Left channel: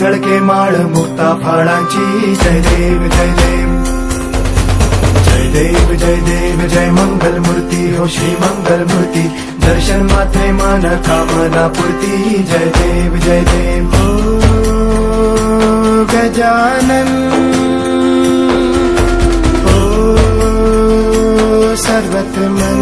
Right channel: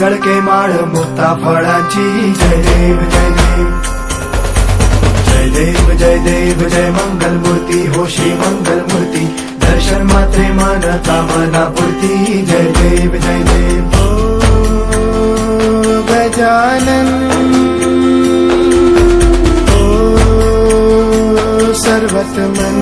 झळके माळ मुक्ता फळाची जय देव जय देव जय देव जय देव जय मंगल मूर्ती हो श्री मंगल मूर्ती दर्शन मात्रे मन कामना पूर्ती जय देव जय देव ओ गजानन ओ सर्वतमन